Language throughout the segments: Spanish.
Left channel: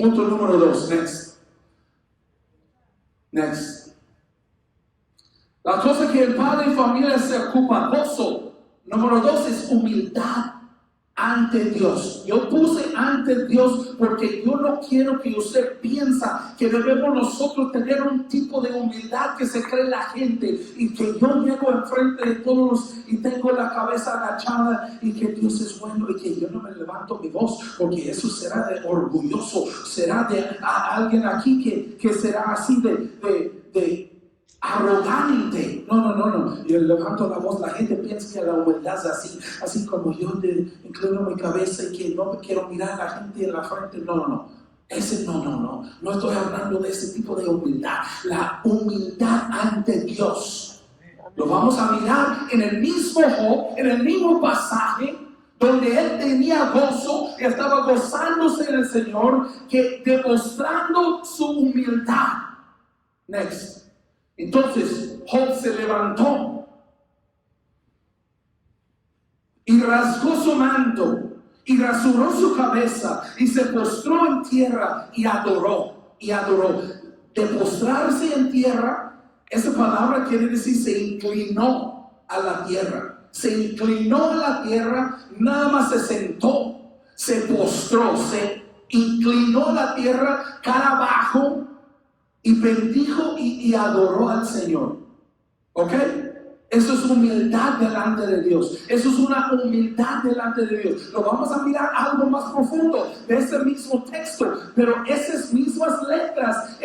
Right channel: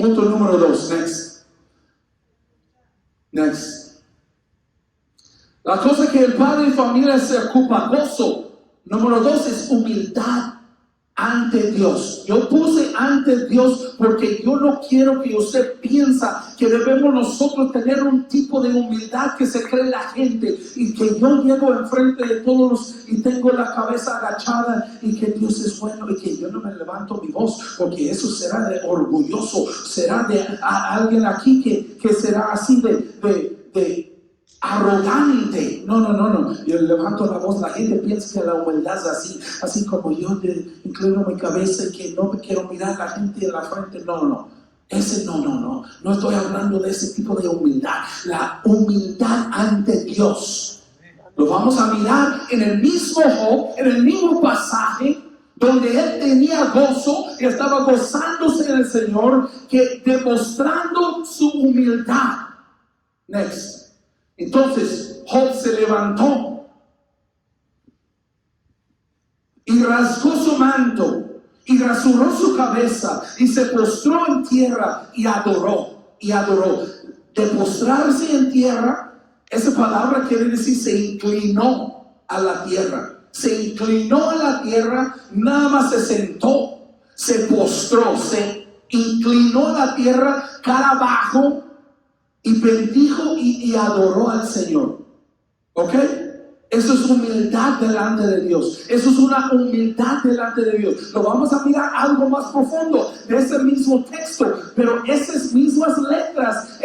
Punto número 2. Next. La cosa que el padre de familia se ocupa, gozo. Número 2 es humildad ante Dios. Yo puse ante Dios porque yo no quiero que usted piensa que debemos nosotros tener un tipo de humildad que se cree la gente y que yo llego enfrente de todos y tengo la cabeza agachada y que Dios es bueno y que yo no me levanto mi voz, porque eso será de orgulloso, será de alguien aquí que será así de arrogante. No. Yo levanto la voz, la gente piensa que la humildad es así como yo inclino mi cabeza y que no me quiero mirar a la gente en la frente. No. No estoy hablando de ese tipo de humildad. La humildad ante Dios. Lo vamos a mirar en el mismo Job, en el mismo pasaje, donde él tenía gozo, estaba gozándose del Señor, que demostrando su humildad. Next. Entonces Job se levantó y rasgó su manto y rasuró su cabeza y se postró en tierra y adoró. De postrarse en tierra, esa palabra quiere decir se inclinó a la tierra. Se inclinó a la tierra, nada más se sentó, se postró, se inclinó a la tierra, cara abajo, y bendijo y adoró al Señor. ¿Ok? Eso es humildad delante de Dios. Eso es una humildad delante de Dios. Lo vamos a mirar algo más profundo de ese mismo texto. Pero esas mismas letras,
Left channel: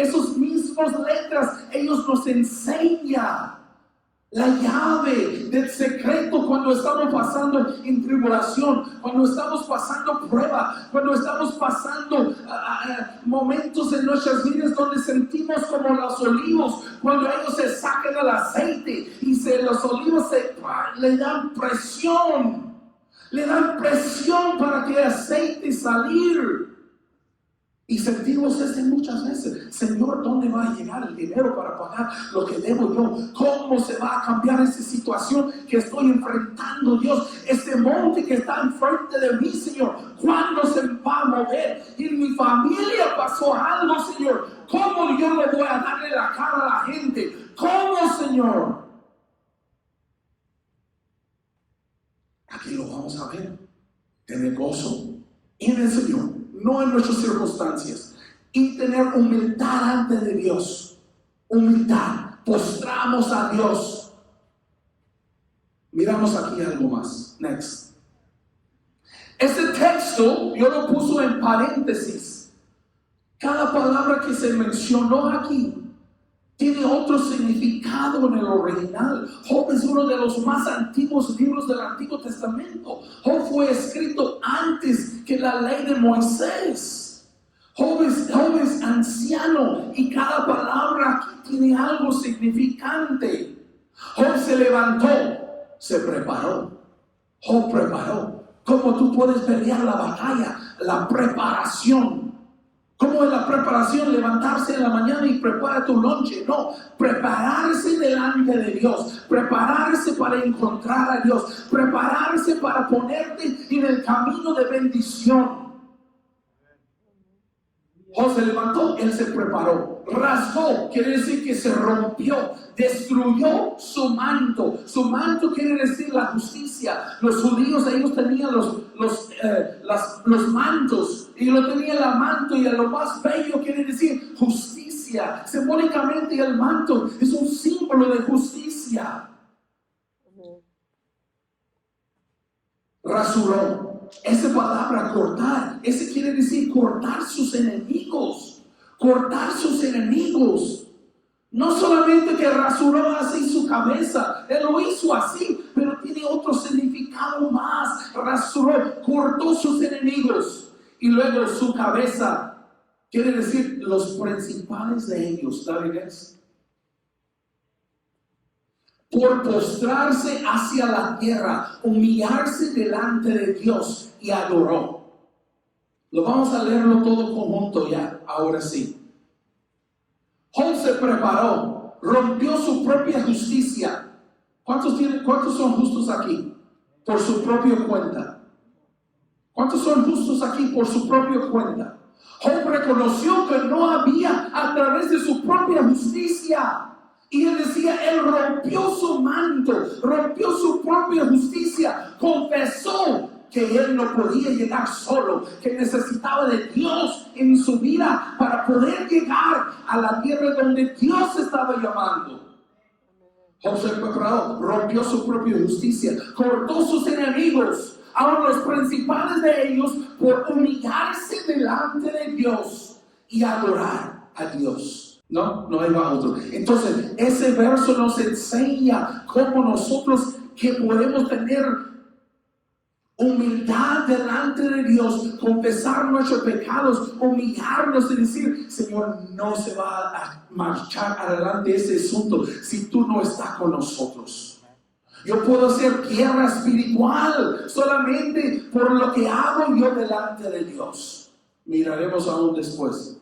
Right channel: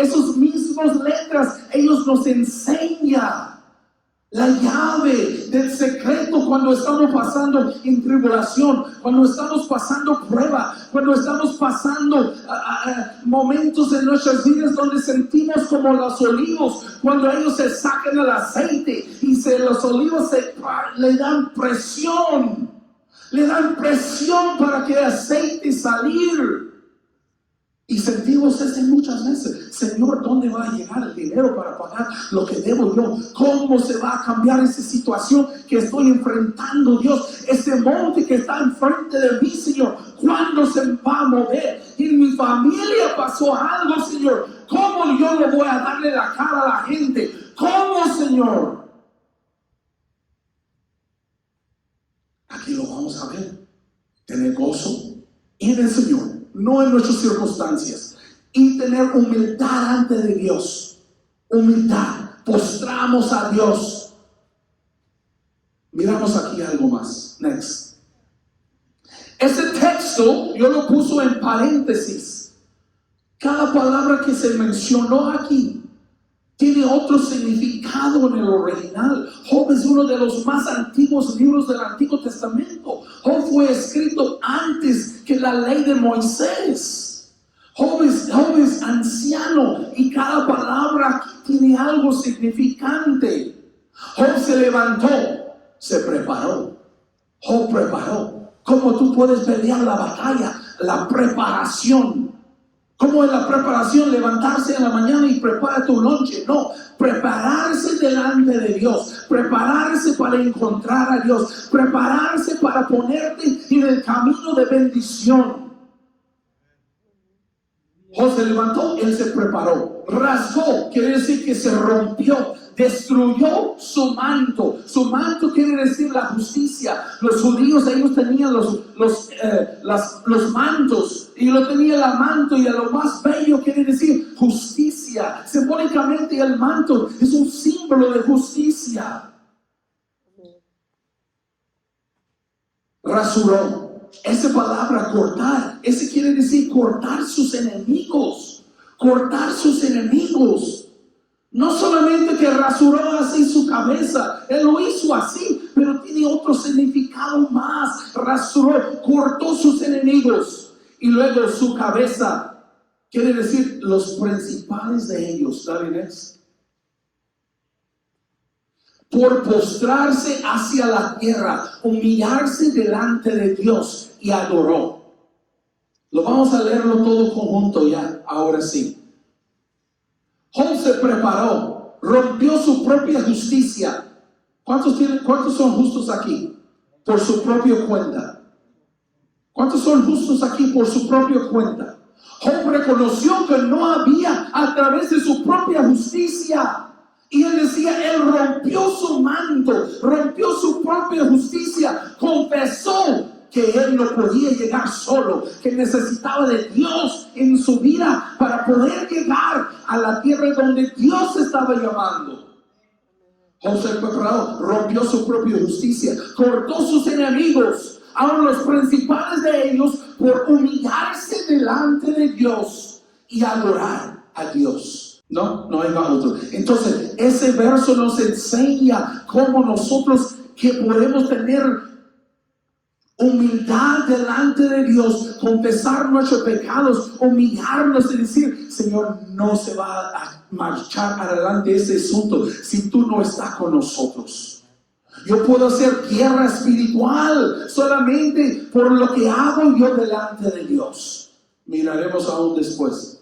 ellos nos enseñan la llave del secreto cuando estamos pasando en tribulación, cuando estamos pasando prueba, cuando estamos pasando momentos en nuestras vidas donde sentimos como los olivos, cuando ellos se sacan el aceite y los olivos le dan presión para que el aceite salir. Y sentimos muchas veces, Señor, ¿dónde va a llegar el dinero para pagar lo que debo yo? ¿Cómo se va a cambiar esa situación que estoy enfrentando, Dios? Ese monte que está enfrente de mí, Señor, ¿cuándo se va a mover? Y en mi familia pasó algo, Señor. ¿Cómo yo le voy a darle la cara a la gente? ¿Cómo, Señor? Aquí lo vamos a ver. Tener gozo en el Señor, no en nuestras circunstancias, y tener humildad ante de Dios. Humildad, postramos a Dios. Miramos aquí algo más. Next. Ese texto yo lo puse en paréntesis. Cada palabra que se mencionó aquí tiene otro significado en el original. Job es uno de los más antiguos libros del Antiguo Testamento. Job fue escrito antes que la ley de Moisés. Job es anciano y cada palabra aquí tiene algo significante. Job se levantó, se preparó. Job preparó. ¿Cómo tú puedes pelear la batalla? La preparación. ¿Cómo es la preparación? Levantarse en la mañana y preparar tu noche. No, prepararse delante de Dios, prepararse para encontrar a Dios, prepararse para ponerte en el camino de bendición. Job se levantó, él se preparó, rasgó, quiere decir que se rompió, destruyó su manto. Su manto quiere decir la justicia. Los judíos, ellos tenían los mantos, y lo tenía el manto, y lo más bello quiere decir justicia. Simbólicamente el manto es un símbolo de justicia. Rasuró. Esa palabra cortar, ese quiere decir cortar sus enemigos. Cortar sus enemigos. No solamente que rasuró así su cabeza, él lo hizo así, pero tiene otro significado más. Rasuró, cortó sus enemigos. Y luego su cabeza, quiere decir los principales de ellos. ¿La ves? Por postrarse hacia la tierra, humillarse delante de Dios, y adoró. Lo vamos a leerlo todo conjunto ya, ahora sí. Job se preparó, rompió su propia justicia. ¿Cuántos son justos aquí? Por su propia cuenta. ¿Cuántos son justos aquí por su propia cuenta? Job reconoció que no había a través de su propia justicia. Y él decía, él rompió su manto, rompió su propia justicia, confesó que él no podía llegar solo, que necesitaba de Dios en su vida para poder llegar a la tierra donde Dios estaba llamando. José rompió su propia justicia, cortó sus enemigos, ahora los principales de ellos, por humillarse delante de Dios y adorar a Dios. No hay otro. Entonces, ese verso nos enseña cómo nosotros que podemos tener humildad delante de Dios, confesar nuestros pecados, humillarnos y decir, Señor, no se va a marchar adelante ese asunto si tú no estás con nosotros. Yo puedo ser guerra espiritual solamente por lo que hago yo delante de Dios. Miraremos aún después.